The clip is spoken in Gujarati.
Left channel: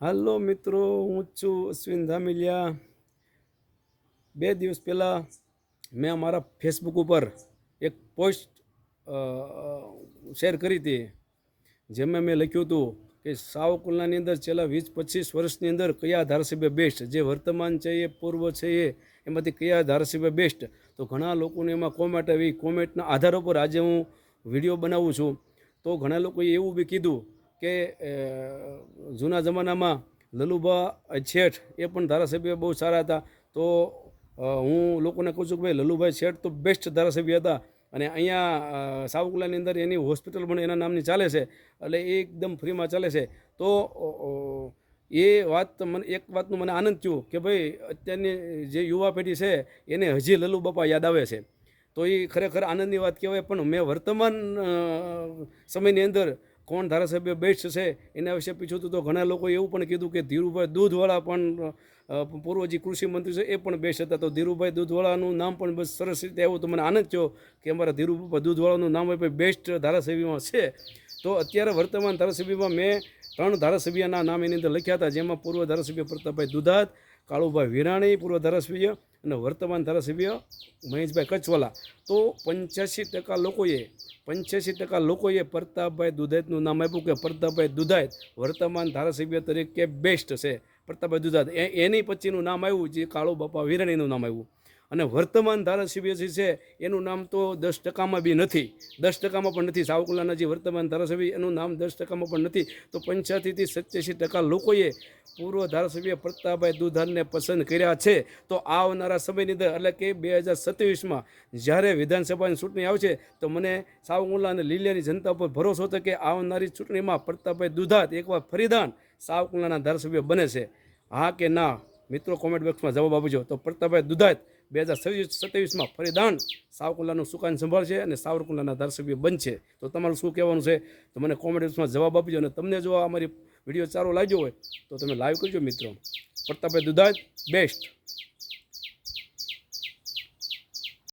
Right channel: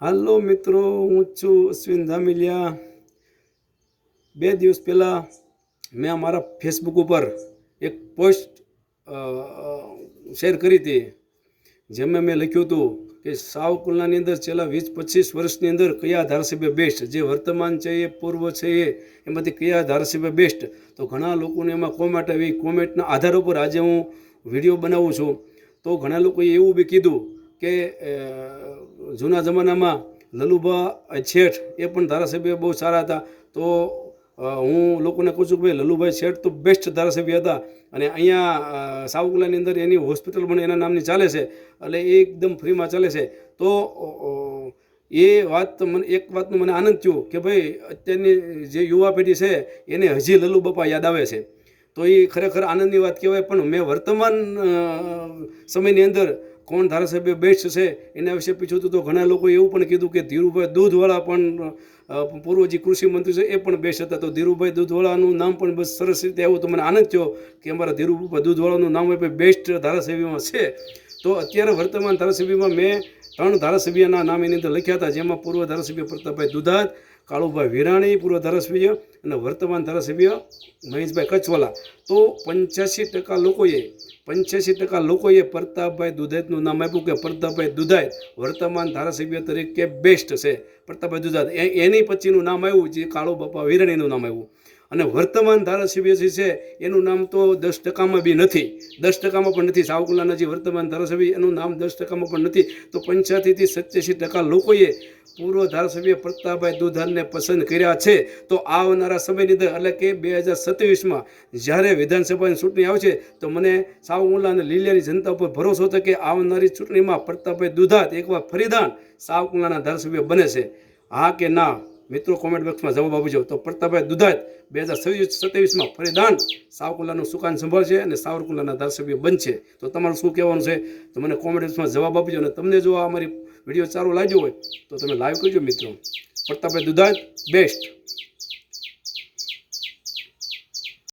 હાલો મિત્રો, હું છું અશ્વિન ધામિલિયા। 2 દિવસ પહેલાં મેં મારા ફેસબુક ઉપર એક પોસ્ટ શેર કરી હતી, જેમાં મેં લખ્યું હતું કે સાવરકુંડલાની અંદર છેલ્લા 20-25 વર્ષની અંદર કયા ધારાસભ્ય બેસ્ટ, જે વર્તમાન છે એ પૂર્વ છે એમાંથી કયા ધારાસભ્ય બેસ્ટ। તો ઘણા લોકોને એમાં કોમેન્ટ આવી। કોમેન્ટના આધાર ઉપર આજે હું વિડીયો બનાવું છું। તો ઘણા લોકોએ એવું બી કીધું કે જૂના જમાનામાં લલુભા શેઠ એ પણ ધારાસભ્ય બહુ સારા હતા। તો હું લોકોને કહું છું કે ભાઈ લલુભાઈ શેઠ તો બેસ્ટ ધારાસભ્ય હતા, અને અહીંયા સાવરકુંડલાની અંદર એની હોસ્પિટલ પણ એના નામની ચાલે છે, એટલે એ એકદમ ફ્રીમાં ચાલે છે। તો એ વાત મને એક વાતનો મને આનંદ થયો કે ભાઈ અત્યારની જે યુવા પેઢી છે એને હજી લલુ બાપા યાદ આવે છે, તો એ ખરેખર આનંદની વાત કહેવાય। પણ મેં વર્તમાન સમયની અંદર કોણ ધારાસભ્ય બેસ્ટ છે એના વિશે પૂછ્યું હતું, તો ઘણા લોકોએ એવું પણ કીધું કે ધીરુભાઈ દૂધવાળા પણ પૂર્વ જે કૃષિ મંત્રી છે એ પણ બેસ્ટ હતા। તો ધીરુભાઈ દૂધવાળાનું નામ પણ બસ સરસ રીતે આવ્યું, તો મને આનંદ થયો કે અમારા ધીરુભાઈ દૂધવાળાનું નામ એ બેસ્ટ ધારાસભ્યમાં છે। તો અત્યારે વર્તમાન ધારાસભ્યમાં મેં 3 ધારાસભ્યના નામ એની અંદર લખ્યા હતા, જેમાં પૂર્વ ધારાસભ્ય પ્રતાપભાઈ દુધાત, કાળુભાઈ વિરાણી પૂર્વ ધારાસભ્ય, અને વર્તમાન ધારાસભ્ય મહેશભાઈ કચ્છવાલા। તો 85% લોકોએ પ્રતાપભાઈ દુધાતનું નામ આપ્યું કે પ્રતાપભાઈ દુધાત વર્તમાન ધારાસભ્ય તરીકે બેસ્ટ છે। પ્રતાપભાઈ દુધાત એની પછીનું નામ આવ્યું જે કાળુ બાપા વિરાણીનું નામ આવ્યું, અને વર્તમાન ધારાસભ્ય જે છે એનું નામ તો 10%માં બી નથી, 10%માં પણ નથી। સાવરકુંડલાના જે વર્તમાન ધારાસભ્ય એનું નામ 10%માં પણ નથી। તો 85થી 87% લોકોએ પૂર્વ ધારાસભ્ય પ્રતાપભાઈ દુધાતને પસંદ કર્યા છે। તો આવનારા સમયની અંદર એટલે કે 2027માં જ્યારે વિધાનસભાની ચૂંટણી આવશે, તો મને સાવરકુંડલા અને લીલિયાની જનતા ઉપર ભરોસો હતો કે આવનારી ચૂંટણીમાં પ્રતાપભાઈ દુધાત એકવાર ફરીદાન સાવરકુંડલાના ધારાસભ્ય બને છે। હા કે ના મિત્રો કોમેન્ટ બોક્સમાં જવાબ આપજો। તો પ્રતાપભાઈ દુધાત 2027માં ફરીદાન સાવરકુંડલાનું સુકાન સંભાળશે અને સાવરકુંડલાના ધારાસભ્ય બનશે। તો તમારું શું કહેવાનું છે તો મને કોમેન્ટ બોક્સમાં જવાબ આપજો, અને તમને જો અમારી વિડીયો સારો લાગ્યો હોય તો તમે લાઈક કરજો મિત્રો। પ્રતાપભાઈ દુધાત બેસ્ટ।